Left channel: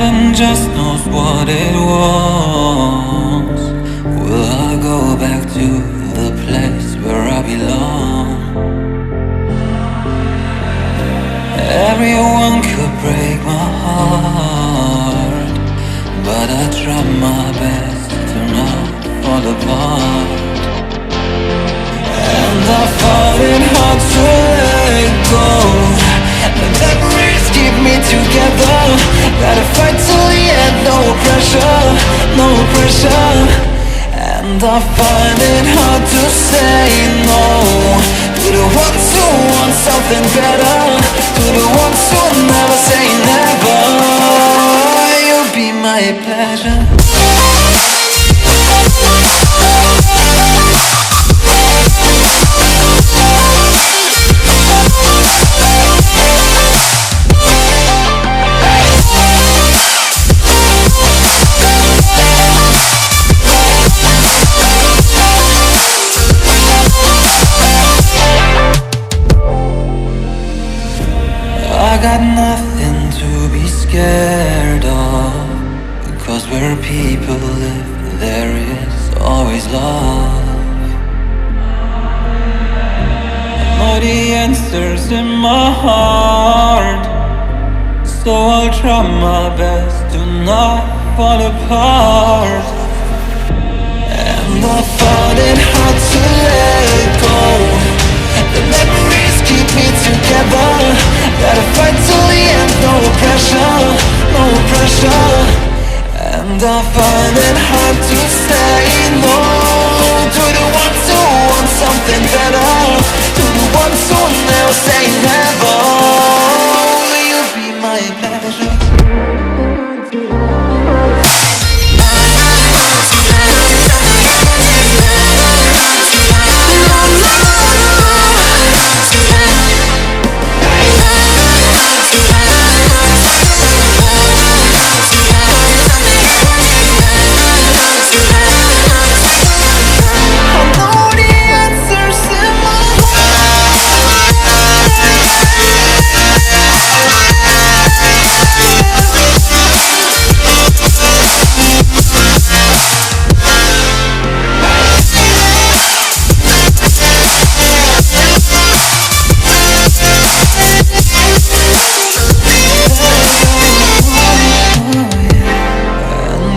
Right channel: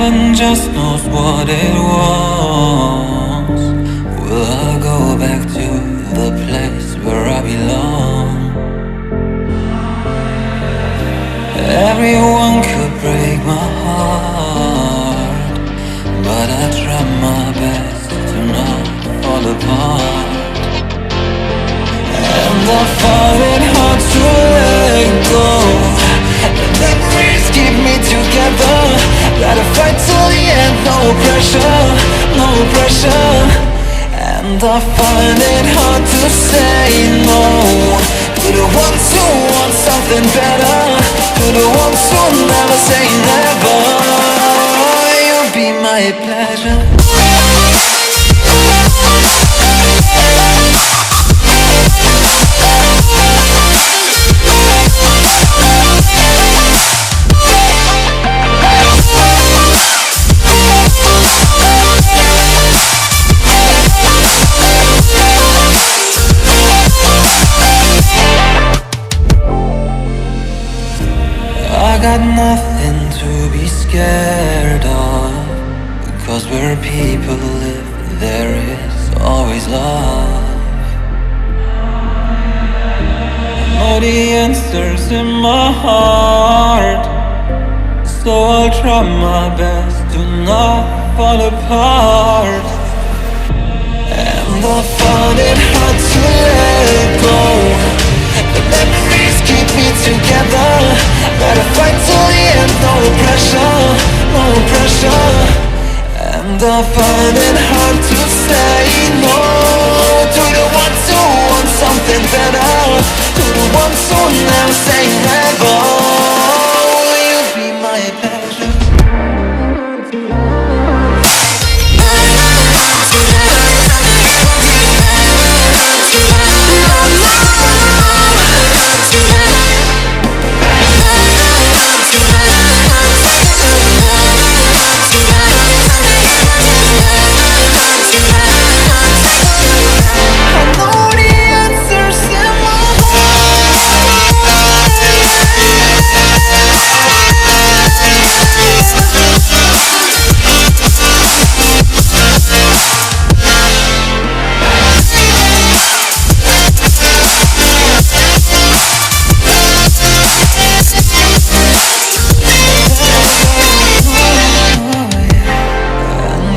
Heaven just knows what it wants. Will I go back to the place where I belong? Everyone could break my heart, but I try my best to not fall apart. And I find it hard to let go. The memories keep me together. Gotta fight till the end, no pressure, no pressure. And I find it hard to say no to the ones who want something better, to the ones who never say never. You'll be my pleasure. I got nothing to be scared of, because where people live, there is always love. I know the answers in my heart, so I'll try my best to not fall apart. And I found it hard to let go. The memories keep me together. Gotta fight till the end, no pressure, no pressure. And I find it hard to say no to the ones who want something better, to the ones who never say never. Will you be my pleasure?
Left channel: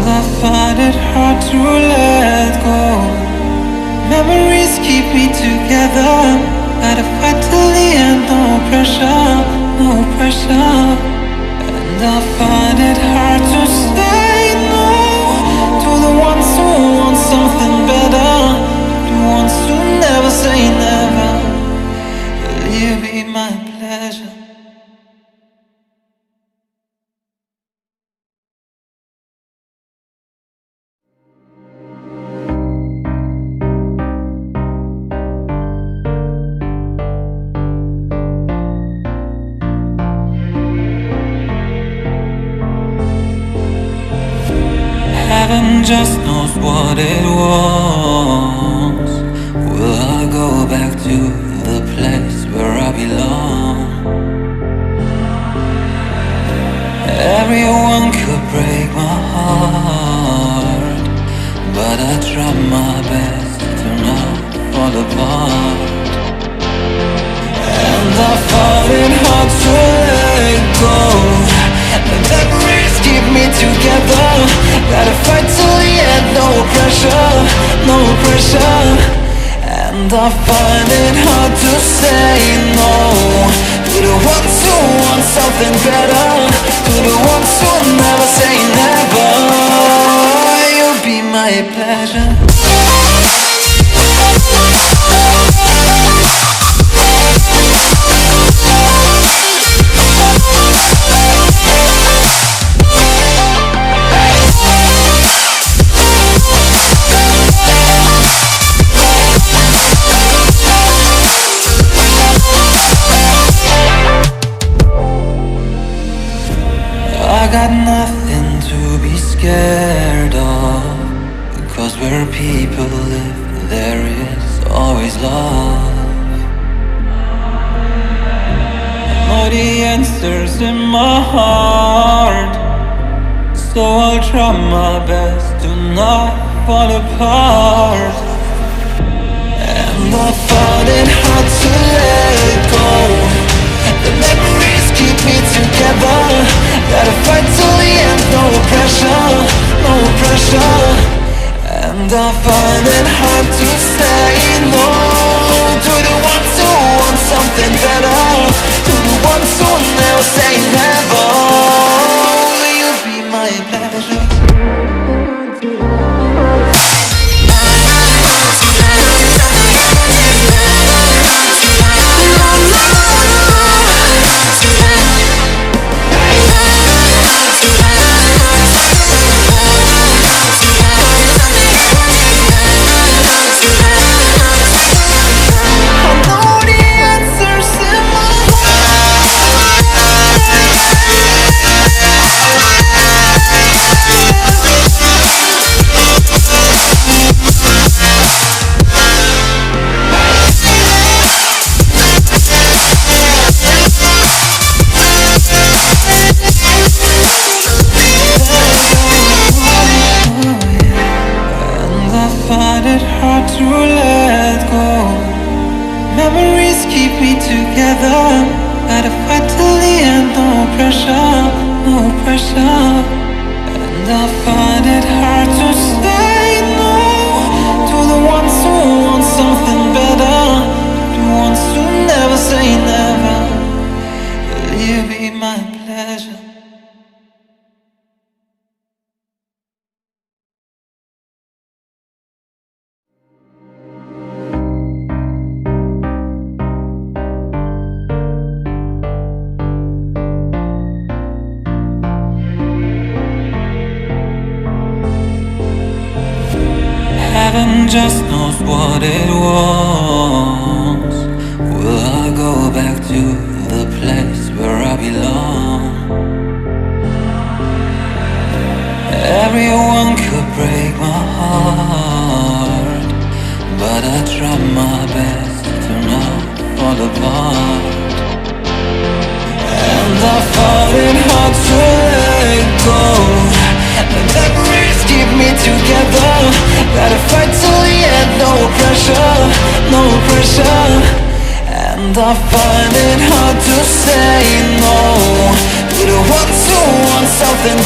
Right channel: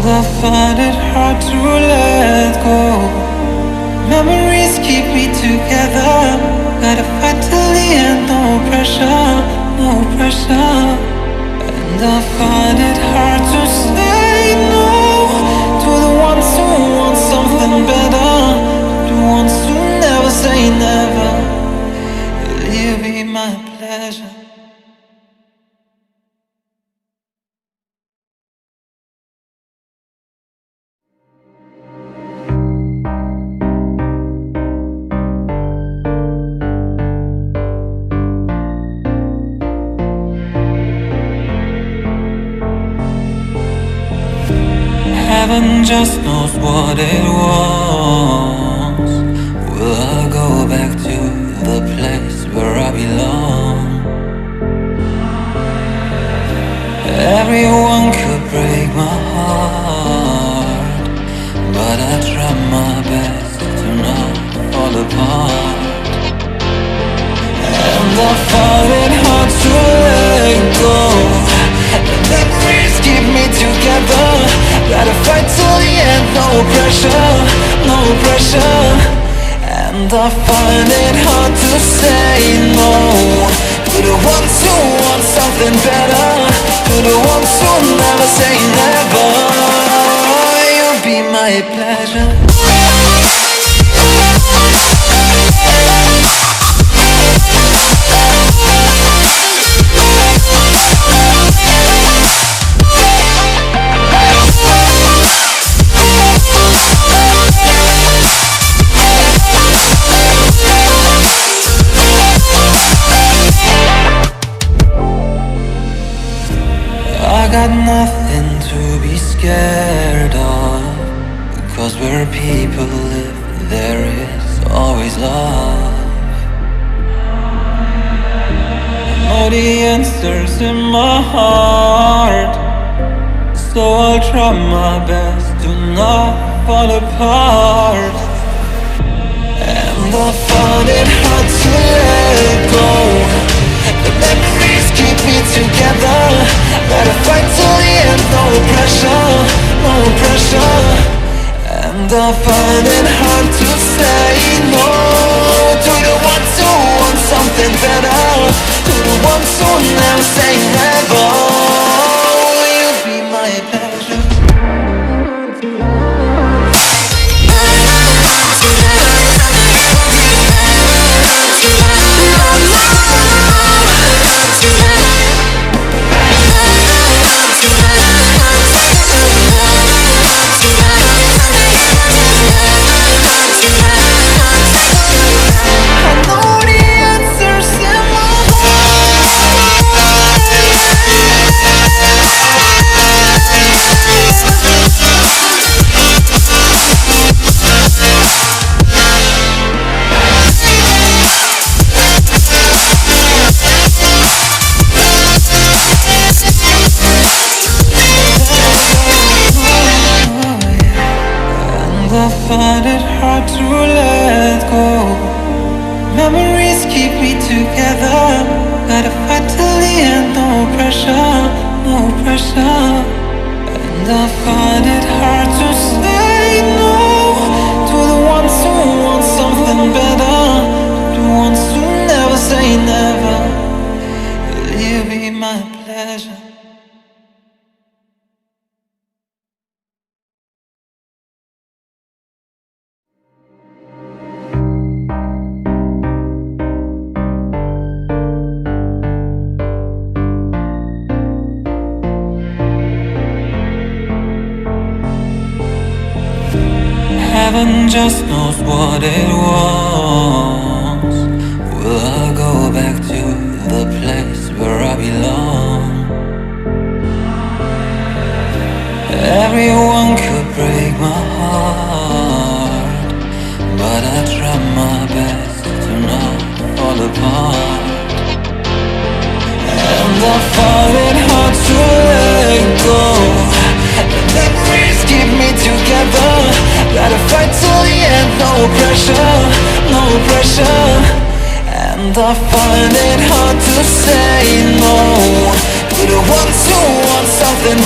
I find it hard to let go. Memories keep me together. Gotta fight till the end, no pressure, no pressure. And I find it hard to say no to the ones who want something better, the ones who never say never. Will you be my pleasure? Heaven just knows what it wants. Will I go back to the place where I belong? Everyone could break my heart, but I try my best to not fall apart. And I find it hard to let go. The memories keep me together. Gotta fight till the end, no pressure, no pressure. And I find it hard to say no to the ones who want something better, to the ones who never say never. You'll be my pleasure. I got nothing to be scared of, because where people live, there is always love. I know the answers in my heart, So I'll try my best to not fall apart. And I find it hard to let go. The memories keep me together. Gotta fight till the end, no pressure, no pressure. And I find it hard to say no to the ones who want something better, to the ones who never say never. Will you be my pleasure? I find it hard to let go. Memories keep me together. Gotta fight till the end, no pressure, no pressure. And I find it hard to say no to the ones who want something better, to the ones who never say never. Will you be my pleasure? Heaven just knows what it wants. Will I go back to the place where I belong? Everyone could break my heart, but I try my best to not fall apart. And I find it hard to let go. The memories keep me together. Gotta fight till the end, no pressure, no pressure. And I find it hard to say no to the ones who want something